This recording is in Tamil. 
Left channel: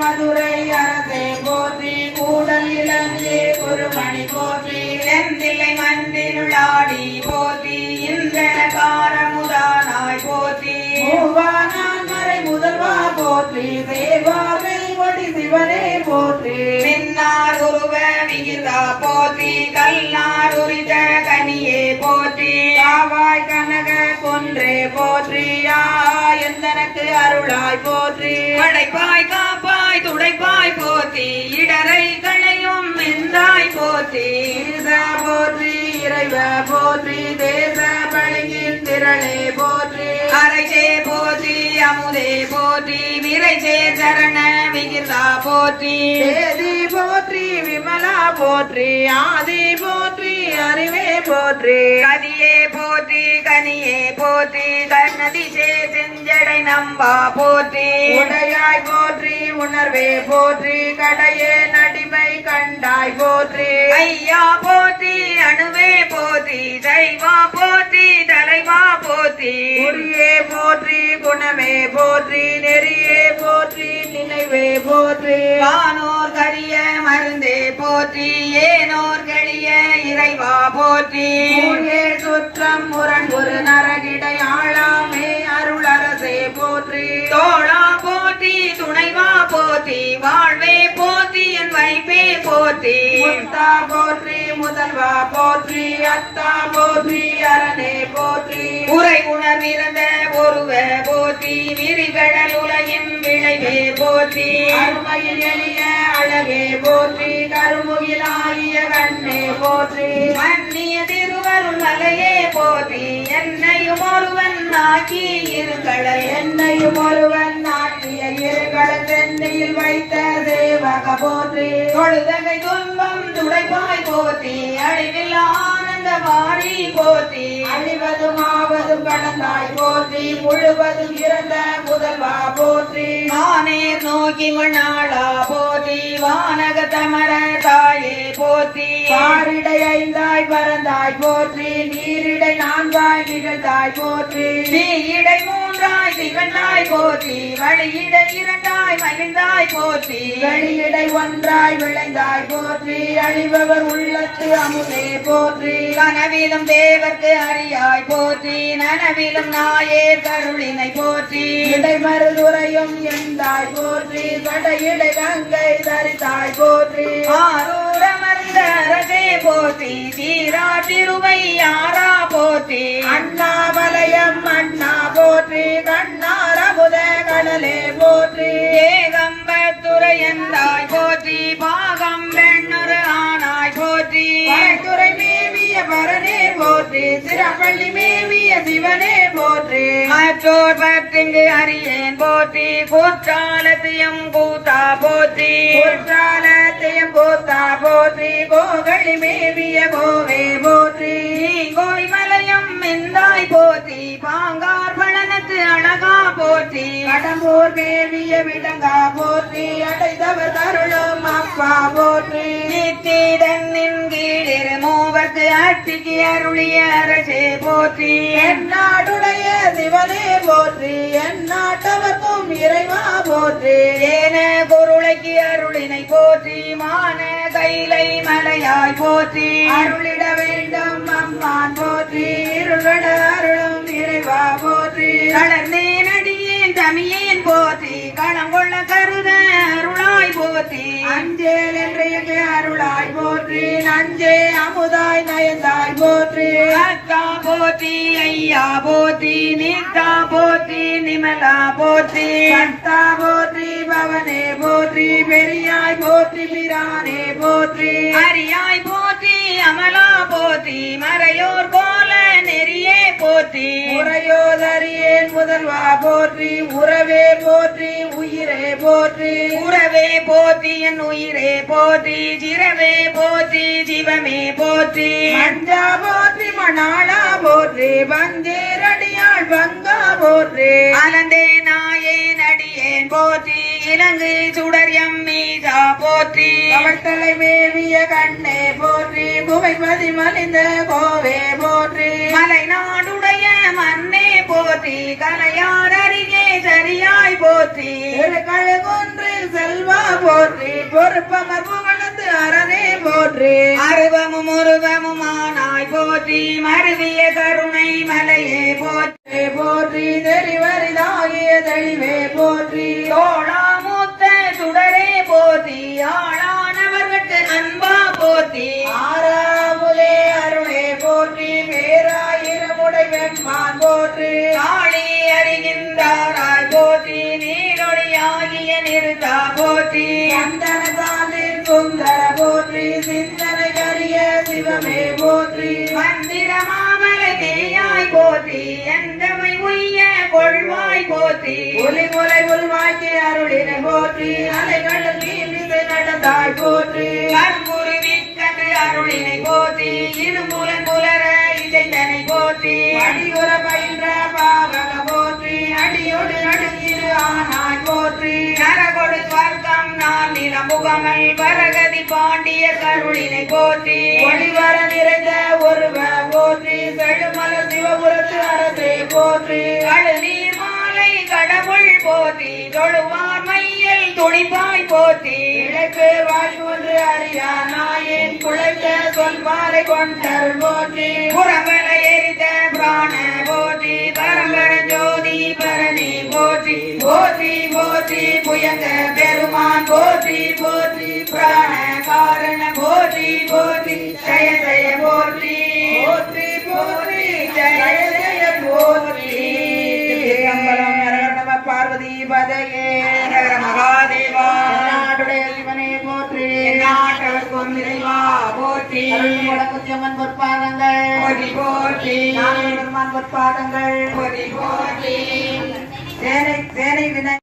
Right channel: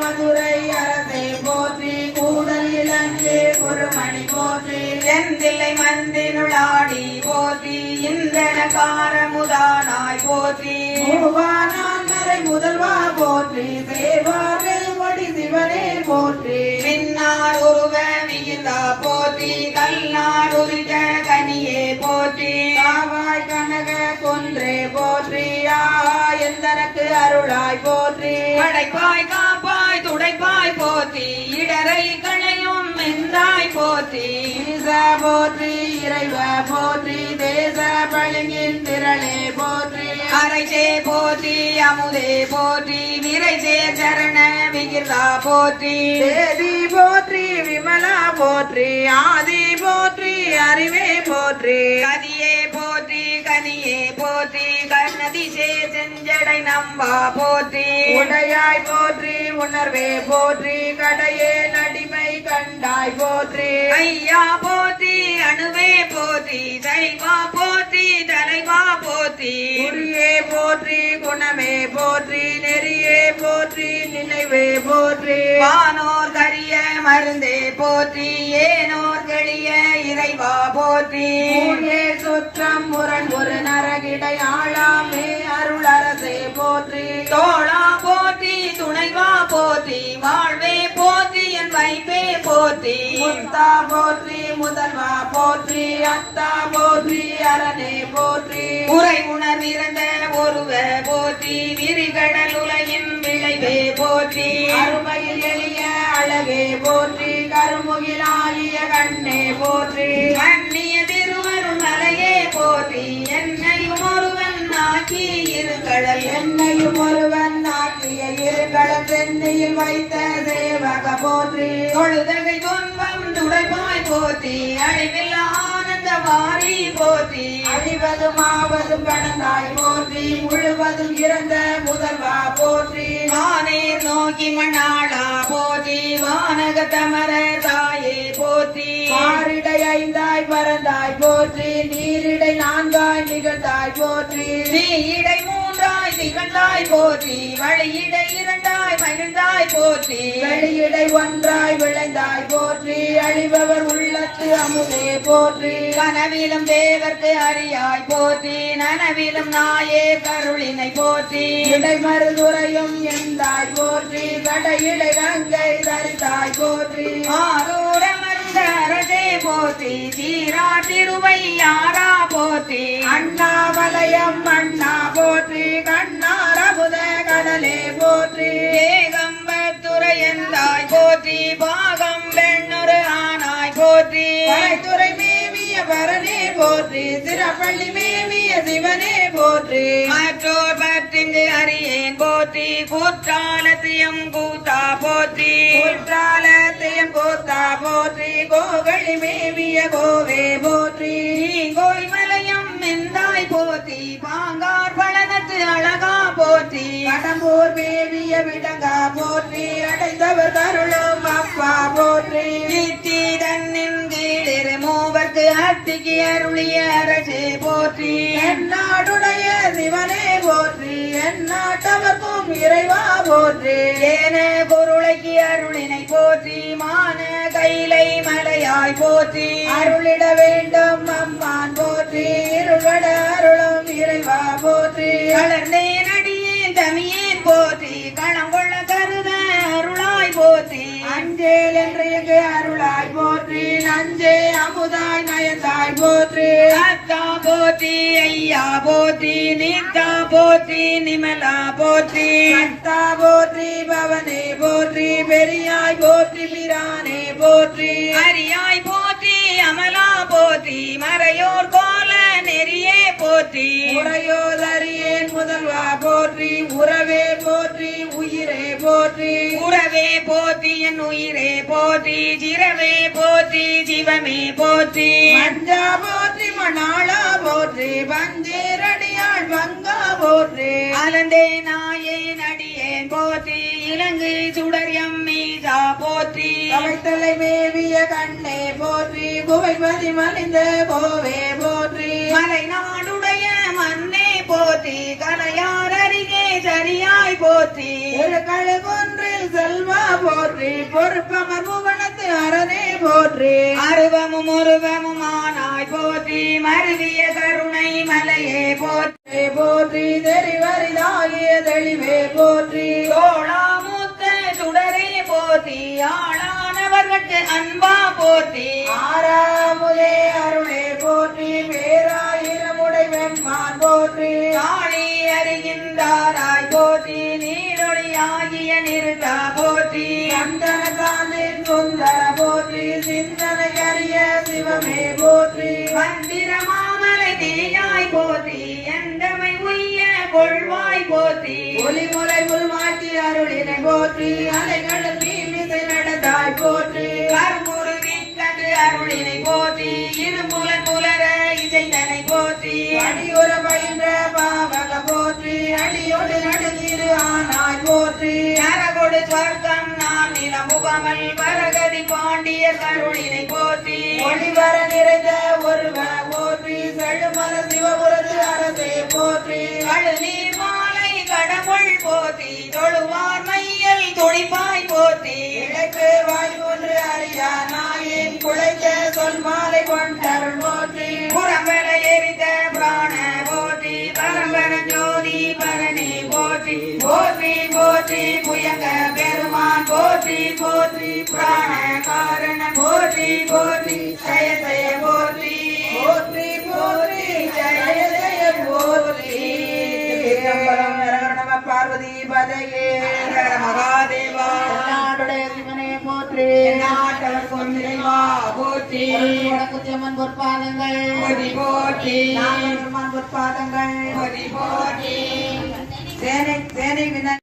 மதுரை அரசை போற்றி கூடல் இலங்கை குருமணி போற்றி செந்தில்லை மந்தினுளாடி போற்றி இந்திரகாரமுதானாய் போற்றி. மூவானான் மறை முதல்வா போற்றி தேவாரை மொழி சிவனே போற்றி. நின்னார் உருவ விகிதா போற்றி கல்லார் உரித கனியே போற்றி. காவாய் கனக கொன்றே போற்றி ஆ எந்தனக்கு அருளாய் போற்றி. படைப்பாய் கா துடைப்பாய் போத்தி இடரை களையும் நின்றாய் போத்தி ஈசா போற்றி இறைவ போற்றி தேச பழங்கின் திரளே போற்றி. அரைச்சே போற்றி அமுதே போற்றி விரைச்சே சரண விகிதா போற்றி. தேதி போற்றி விமலா போற்றி ஆதி போற்றி அறிவே போற்றி. கதியே போற்றி போற்றி கர்ணதிசே செஞ்சடை நம்பா போற்றி. உடையாய் போற்றி உணர்வே போற்றி கடையே நடிமை கண்டாய் போற்றி. ஐயா போற்றி அணுவே போற்றி சைவா போற்றி தலைவா போற்றி. குறியே போற்றி குணமே போற்றி நெறியே போற்றி நினைவே போற்றி. வானோர் கரிய மருந்தே போற்றி இறைவா போற்றி. சுற்றம் முரண்புறு நரகிடை ஆழாமே அருள் அரசே போற்றி. தோழா போற்றி துணைவா போற்றி வாழ்வே போற்றி என் வைப்பே போற்றி. முத்தா போற்றி முதல்வா போற்றி அத்தா போற்றி அரணே போற்றி. உரை உணர்ந்திருந்த ஒருவ போற்றி விரிகடல் உலகின் விளைவே போற்றி. அருமையில் எளிய அழகே போற்றி கருமுகிலாகிய கண்ணே போற்றி. மன்னிய திருவருள் மலையே போற்றி. என்னையும் ஒருவன் ஆக்கி இருங்களல் என்னையும் ஒருவன் நாட்டிய இருகள் தென்னையில் வைத்த தேவக போற்றி. தொழுதகை துன்பம் துடைப்பாய் போற்றி. அழிவில்லா வாரி போற்றி அழிவதும் ஆவதும் கடந்தாய் போற்றி. முழுவதும் இறந்த முதல்வா போற்றி. வானேர் நோக்கி நாளா போற்றி. வானக தமர தாயே போற்றி. பாரிடை ஐந்தாய் பறந்தாய் போற்றி. நீரிடை நான்காய் நிகழ்ந்தாய் போற்றி. இடை மூன்றாய் திகழ்ந்தாய் போற்றி வழியிடை இரண்டாய் மகிழ்ந்தாய் போற்றி. வெளியிடை ஒன்றாய் விளைந்தாய் போற்றி அழிபவர் உள்ளத்து அமுதே போற்றி. கனவிலும் தேவர்க்கு அறியாய் போற்றி நனவிலும் நாயே கருளினை போற்றி. இடைமருதுரையும் எந்தாய் போற்றி கடையிடை கங்கை தரித்தாய் போற்றி. ஆரூரமர்ந்த அரசே போற்றி தீரா திருவை யாரா போற்றி. அண்ணாமலையம் அண்ணா போற்றி கண்ணார புத கடலே போற்றி. ஏகம்பத்துறை எந்தாய் போற்றி பாகம் பெண்ணுரு ஆனாய் போற்றி. துறை மேவிய பரனே போற்றி சிறப்பள்ளி மேவிய சிவனே போற்றி. மற்றோர் பற்றிங்கு அறியேன் போற்றி கூற்றாலத்தியம் கூத்தா போற்றி. போர் மேவிய விடங்கா போற்றி அடைத்தவர் தருளும் அப்பா போற்றி. நித்தி தன்னின் கீழிரு மூவர்க்கு அட்டிக்கு அருளிய அரசே போற்றி. என்னாடுடைய சிவனே போற்றி. என்னாட்டவர்க்கும் இறைவா போற்றி. ஏன பொருளைக்கு அருளினை போற்றி. மான கைலை மலையாய் போற்றி. அருளிட வேண்டும் அம்மான் போற்றி. இருளட அருளும் இறைவா போற்றி. வளர்ந்தேன் அடியேன் தமியேன் போற்றி களம் கொள்ள கருத அருளாய் போற்றி. அஞ்சேல் என்று எங்கே அருளாய் போற்றி நஞ்சே அமுதாய் நயந்தாய் போற்றி. அத்தா போற்றி ஐயா போற்றி நித்தா போற்றி நிமலா போற்றி. கத்தா போற்றி பவனே போற்றி பெரியாய் போற்றி பிரானே போற்றி. அரியாய் போற்றி அமலா போற்றி மறையோர் கோல நெறியே போற்றி. உரையோதறியேன் முதல்வா போற்றி. உறவே போற்றி உயிரே போற்றி. உறவே போற்றி என் உயிரே போற்றி. சிரவே போற்றி சிவமே போற்றி. அஞ்சா போற்றி மணாளா போற்றி. பஞ்சேரடியாள் பங்கா போற்றி. அனந்தே நாயே போற்றி இலங்கு சுடர் எம் மீதா போற்றி. கவழ்த்தலை மேவிய கண்ணே போற்றி குவைமதி மலிந்த கோவே போற்றி. மலை நாடுடைய மண்ணே போற்றி கலையார் அருகே சரியாய் போற்றி. திருக்கழு கொன்று செல்வ பொறுப்பமர் புவனத்து அரணே போற்றி. அருவமும் உருவமும் ஆனாய் போற்றி மருவிய கருணை மலையே போற்றி. போற்றி தெரிவரிதாகிய தெளிவே போற்றி. தோழாமூத்த சுடரே போற்றி ஆளானவர்கட்டு அன்பா போற்றி. ஆறாமுதே அருளே போற்றி பேராயிரமுடை வெம்பான் போற்றி. ஆளி அறிகின்றாராய் போற்றி நீரொழியாகிய நிறுத்தா போற்றி. சந்தன சாந்தின் சுந்தர போற்றி சிந்தனை அறிய சிவமே போற்றி. மந்திர மாமலை தேயாய் போற்றி எந்தமை உய்ய கொள்வாய் ஒளி ஒலிமுலை உருவாக்கி அருளினை போற்றி. அலைகடல் நீர் விசை நடந்தாய் போற்றி. கரும்புரி மிக்கது அருளினை போற்றி. இருமுலன் முலர இசைந்தனை போற்றி. அடியுற பயின்ற பாவக போற்றி. அடியோடு நடுங்கிரு ஆனாய் போற்றி. நரகொடு ஸ்வர்க்கம் நான் நின முகமல் வரகதி பாண்டிய கருளினை போற்றி. ஒளிவர நிறைந்த ஒருவன போற்றி. செடுமல சிவபுரத்து அரசே போற்றி. போத்தி போற்றி தொழுவார் மையை துடிப்பாய் போத்தி இழைப்பு வாய்ப்பொன்று அறியா நாயின் குழைத்த சொல் மாலை கொண்டருள் போத்தி புறம்பர எரித்த பிராண போத்தி பரம்பர ஜோதி பரணி போத்தி போத்தி போத்தி புயங்க பெருமான் போற்றி. போற்றி பிராண காரண போற்றி. போற்றி ஜெய ஜெய பொன்னிறைவா போற்றி. வடக்குத்தியம்மன் பொற்பாதங்கள். போற்றி போற்றி. நாகப்பெருமான் பொற்பாதங்கள். போற்றி போற்றி. சேனை சேனை வினை